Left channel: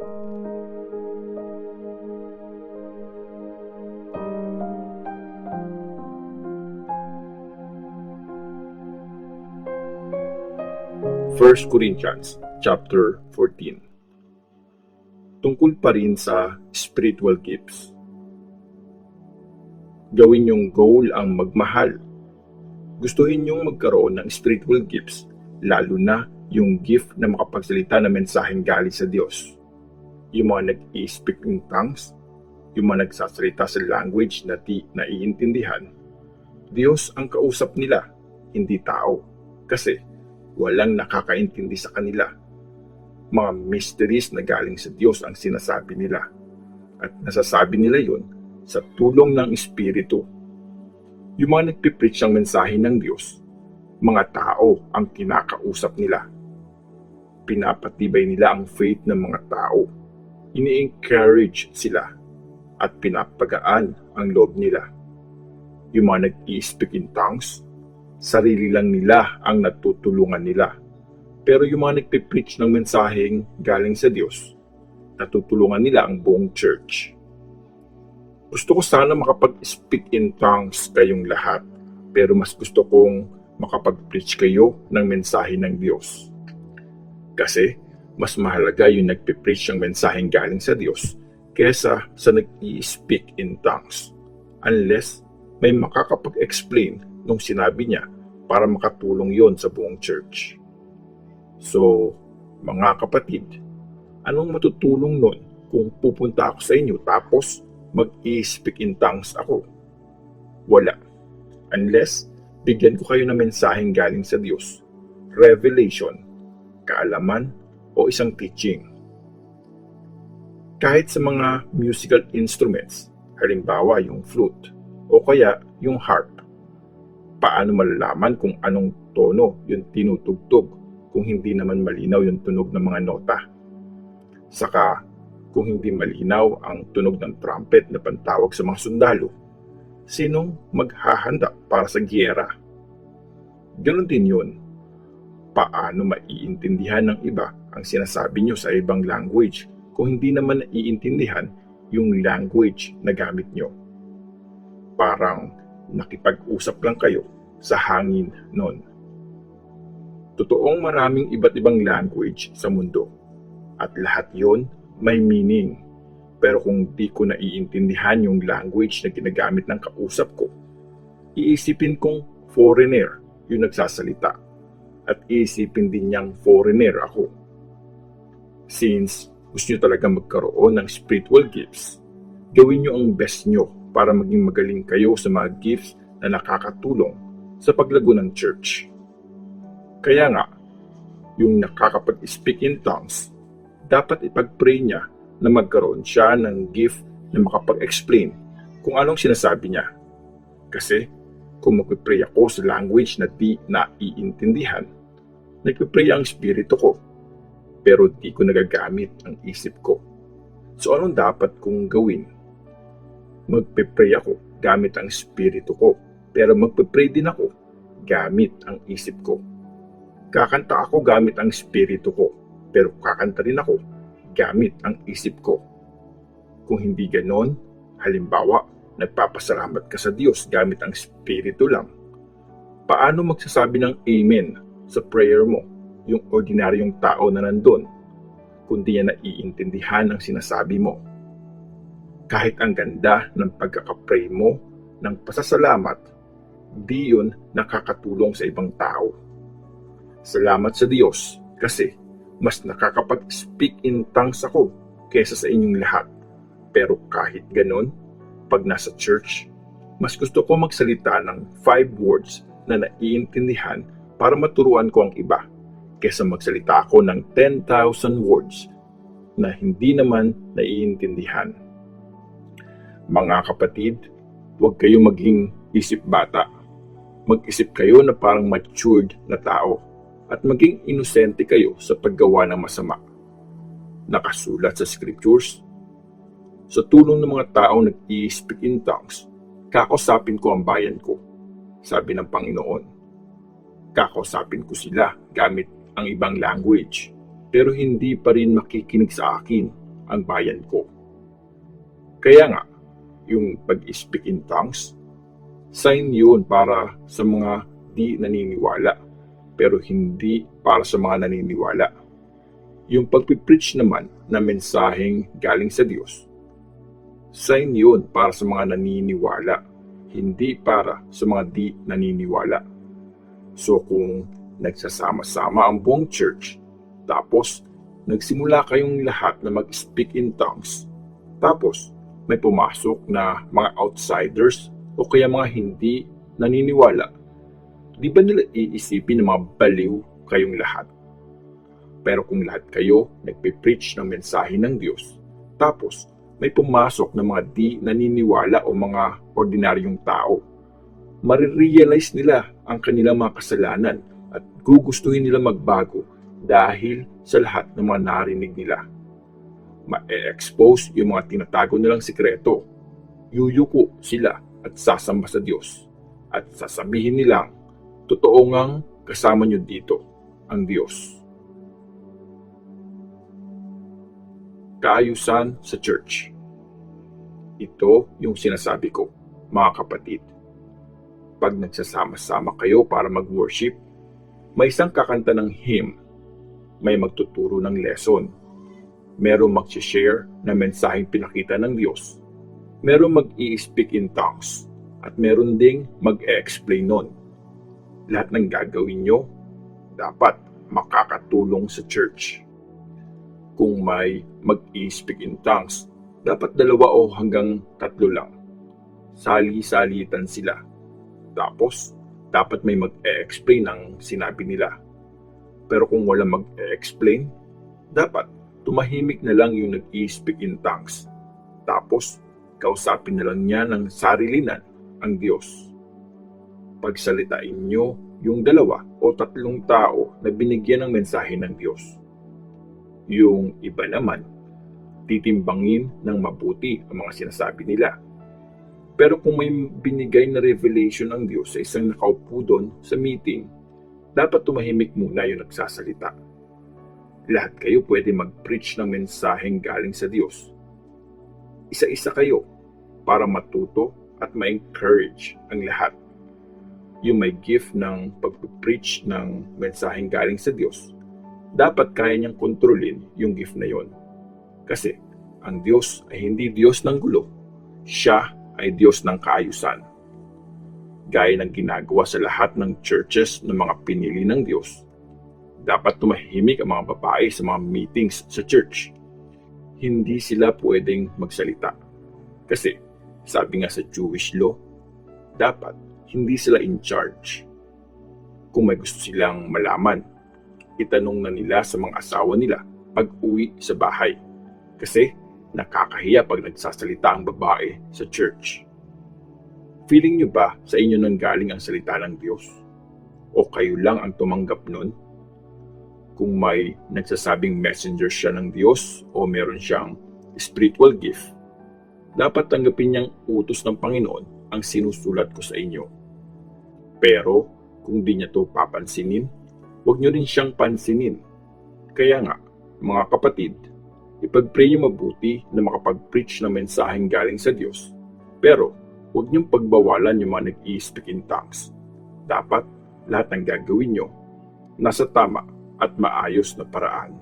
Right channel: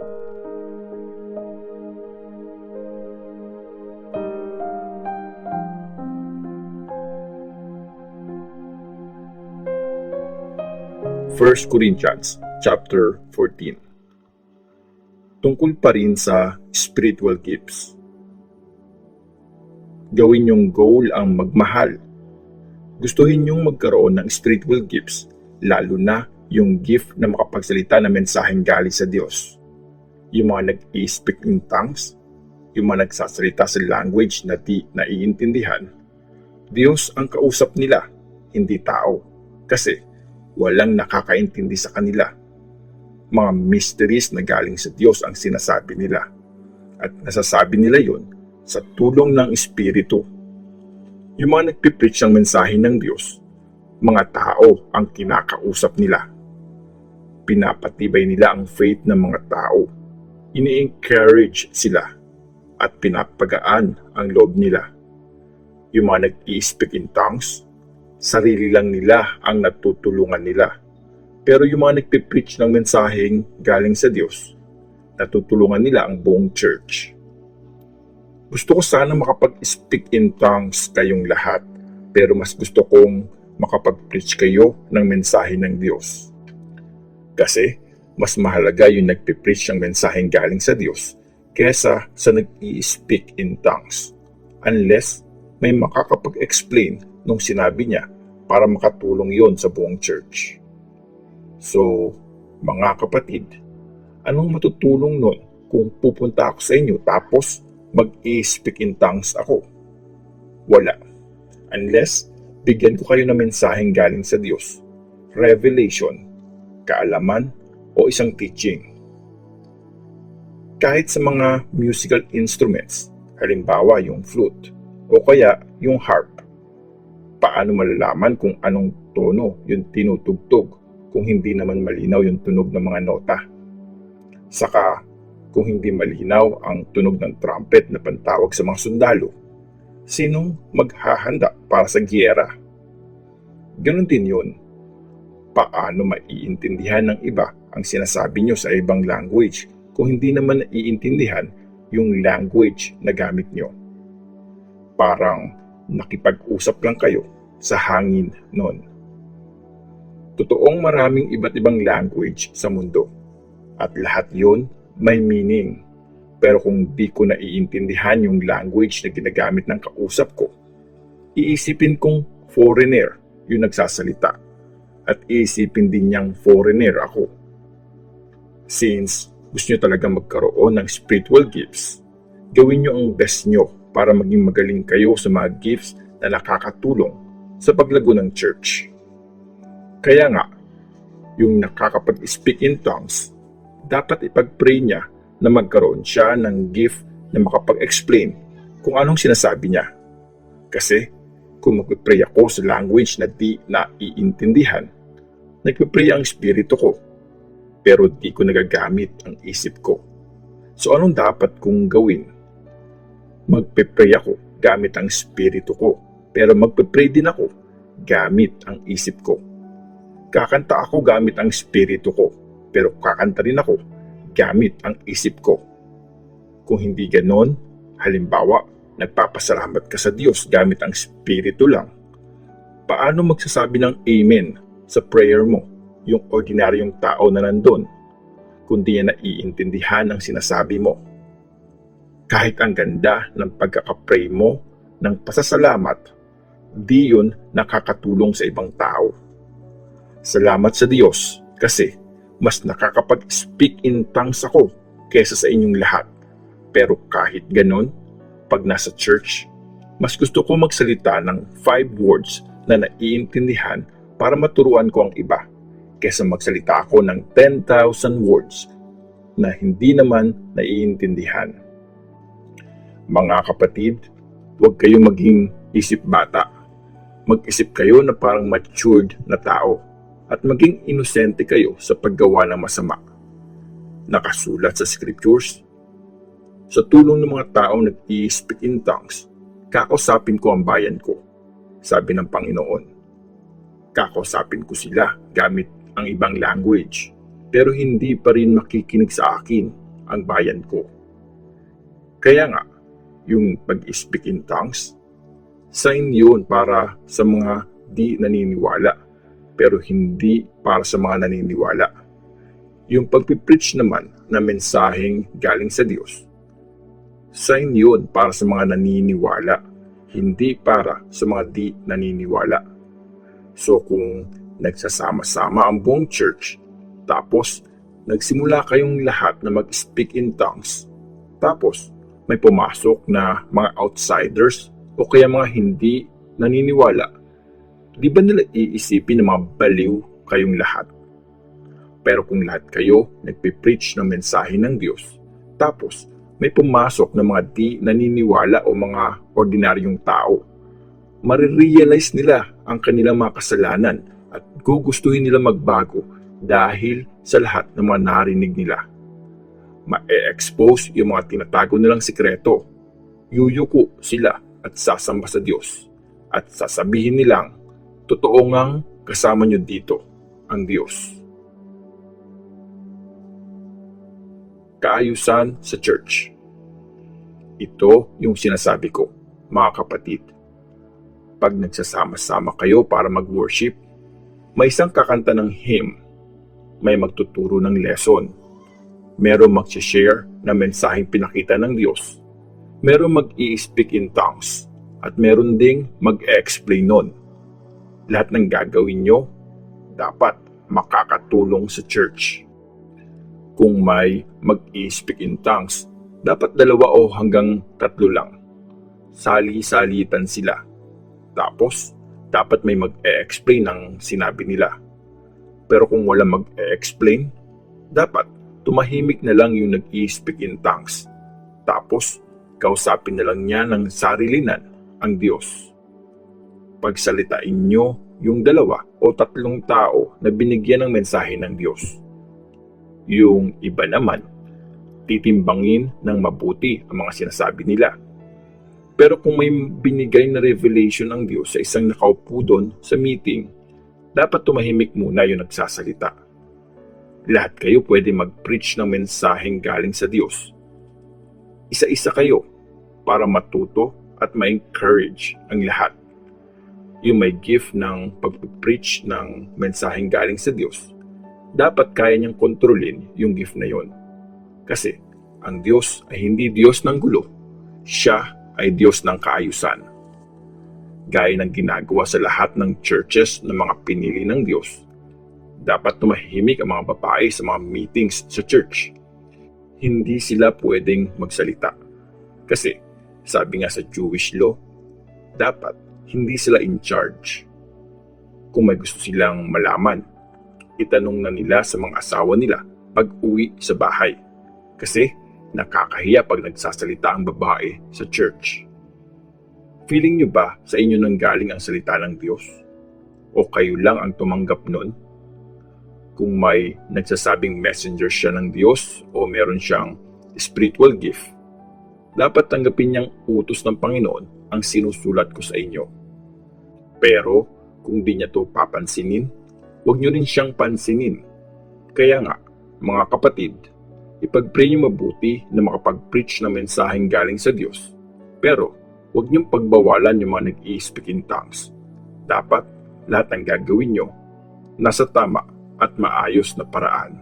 First Corinthians chapter 14. Tungkol pa rin sa spiritual gifts. Gawin yung goal ang magmahal. Gustuhin yung magkaroon ng spiritual gifts, lalo na yung gift na makapagsalita ng mensaheng galing sa Diyos. Yung mga nag-i-speak in tongues, yung mga nagsasalita sa language na di naiintindihan, Diyos ang kausap nila, hindi tao. Kasi walang nakakaintindi sa kanila. Mga mysteries na galing sa Diyos ang sinasabi nila. At nasasabi nila yon sa tulong ng Espiritu. Yung mga nagpipreach ng mensahe ng Diyos, mga tao ang kinakausap nila. Pinapatibay nila ang faith ng mga tao. Ini-encourage sila at pinapagaan ang loob nila. Yung mga nag-i-speak in tongues, sarili lang nila ang natutulungan nila. Pero yung mga nagpipreach ng mensaheng galing sa Diyos, natutulungan nila ang buong church. Gusto ko sana makapag-speak in tongues kayong lahat, pero mas gusto kong makapag-preach kayo ng mensahe ng Diyos. Kasi mas mahalaga yung nagpipreach ng mensaheng galing sa Diyos kesa sa nag-i-speak in tongues. Unless may makakapag-explain nung sinabi niya para makatulong yon sa buong church. So, mga kapatid, anong matutulong nun kung pupunta ako sa inyo tapos mag-i-speak in tongues ako? Wala. Unless bigyan ko kayo ng mensaheng galing sa Diyos, revelation, kaalaman, o isang teaching. Kahit sa mga musical instruments, halimbawa yung flute, o kaya yung harp, paano malalaman kung anong tono yung tinutugtog kung hindi naman malinaw yung tunog ng mga nota? Saka, kung hindi malinaw ang tunog ng trumpet na pantawag sa mga sundalo, sinong maghahanda para sa giyera? Ganon din yun. Paano maiintindihan ng iba ang sinasabi nyo sa ibang language kung hindi naman naiintindihan yung language na gamit nyo? Parang nakipag-usap lang kayo sa hangin noon. Totoong maraming iba't ibang language sa mundo at lahat yon may meaning. Pero kung di ko naiintindihan yung language na ginagamit ng kausap ko, iisipin kong foreigner yung nagsasalita at iisipin din niyang foreigner ako. Since gusto nyo talaga magkaroon ng spiritual gifts, gawin nyo ang best nyo para maging magaling kayo sa mga gifts na nakakatulong sa paglago ng church. Kaya nga, yung nakakapag-speak in tongues, dapat ipag-pray niya na magkaroon siya ng gift na makapag-explain kung anong sinasabi niya. Kasi kung mag-pray ako sa language na di naiintindihan, nagpipray ang espiritu ko, pero di ko nagagamit ang isip ko. So anong dapat kong gawin? Magpipray ako gamit ang espiritu ko, pero magpipray din ako gamit ang isip ko. Kakanta ako gamit ang espiritu ko, pero kakanta rin ako gamit ang isip ko. Kung hindi ganon, halimbawa, nagpapasalamat ka sa Diyos gamit ang espiritu lang, paano magsasabi ng amen sa prayer mo yung ordinaryong tao na nandun, kundi niya naiintindihan ang sinasabi mo? Kahit ang ganda ng pagkakapray mo ng pasasalamat, di yun nakakatulong sa ibang tao. Salamat sa Diyos kasi mas nakakapag-speak in tongues ako kaysa sa inyong lahat. Pero kahit ganun, pag nasa church, mas gusto ko magsalita ng 5 words na naiintindihan para maturuan ko ang iba kaysa magsalita ako ng 10,000 words na hindi naman naiintindihan. Mga kapatid, huwag kayong maging isip bata. Mag-isip kayo na parang matured na tao at maging inosente kayo sa paggawa ng masama. Nakasulat sa scriptures, sa tulong ng mga taong nag-i-speak in tongues, kakausapin ko ang bayan ko, sabi ng Panginoon. Kakausapin ko sila gamit ang ibang language, pero hindi pa rin makikinig sa akin, ang bayan ko. Kaya nga, yung pag-speak in tongues, sign yun para sa mga di naniniwala, pero hindi para sa mga naniniwala. Yung pag-preach naman na mensaheng galing sa Diyos, sign yun para sa mga naniniwala, hindi para sa mga di naniniwala. So kung nagsasama-sama ang buong church, tapos nagsimula kayong lahat na mag-speak in tongues, tapos may pumasok na mga outsiders o kaya mga hindi naniniwala, di ba nila iisipin na mga baliw kayong lahat? Pero kung lahat kayo nagpipreach ng mensahe ng Diyos, tapos may pumasok na mga di naniniwala o mga ordinaryong tao, marirealize nila ang kanilang mga kasalanan at gugustuhin nila magbago dahil sa lahat ng mga narinig nila. Ma-expose yung mga tinatago nilang sikreto, yuyuko sila at sasamba sa Diyos at sasabihin nilang, totoo ngang kasama nyo dito ang Diyos. Kaayusan sa church. Ito yung sinasabi ko, mga kapatid. Pag nagsasama-sama kayo para mag-worship, may isang kakanta ng hymn, may magtuturo ng lesson, merong mag-share na mensaheng pinakita ng Diyos, merong mag-i-speak in tongues, at meron ding mag-explain nun. Lahat ng gagawin nyo, dapat makakatulong sa church. Kung may mag-i-speak in tongues, dapat 2 o hanggang 3 lang. Sali-salitan sila. Tapos, dapat may mag-e-explain ng sinabi nila. Pero kung wala mag-e-explain, dapat tumahimik na lang yung nag-i-speak in tongues. Tapos, kausapin na lang niya ng sarilinan ang Diyos. Pagsalitain nyo yung 2 o 3 tao na binigyan ng mensahe ng Diyos. Yung iba naman, titimbangin ng mabuti ang mga sinasabi nila. Pero kung may binigay na revelation ng Diyos sa isang nakaupo doon sa meeting, dapat tumahimik muna yung nagsasalita. Lahat kayo pwede mag-preach ng mensaheng galing sa Diyos. Isa-isa kayo para matuto at ma-encourage ang lahat. Yung may gift ng pag-preach ng mensaheng galing sa Diyos, dapat kaya niyang kontrolin yung gift na yon. Kasi ang Diyos ay hindi Diyos ng gulo. Siya ay Diyos ng kaayusan. Gaya ng ginagawa sa lahat ng churches ng mga pinili ng Diyos, dapat tumahimik ang mga babae sa mga meetings sa church. Hindi sila pwedeng magsalita. Kasi sabi nga sa Jewish law, dapat hindi sila in charge. Kung may gusto silang malaman, itanong na nila sa mga asawa nila pag uwi sa bahay. Kasi nakakahiya pag nagsasalita ang babae sa church. Feeling nyo ba sa inyo nang galing ang salita ng Diyos? O kayo lang ang tumanggap nun? Kung may nagsasabing messenger siya ng Diyos o meron siyang spiritual gift, dapat tanggapin niyang utos ng Panginoon ang sinusulat ko sa inyo. Pero kung di niya to papansinin, huwag niyo rin siyang pansinin. Kaya nga, mga kapatid, ipag-pray niyo mabuti na makapag-preach ng mensaheng galing sa Diyos. Pero huwag niyong pagbawalan yung mga nag-i-speak in tongues. Dapat lahat ng gagawin niyo nasa tama at maayos na paraan.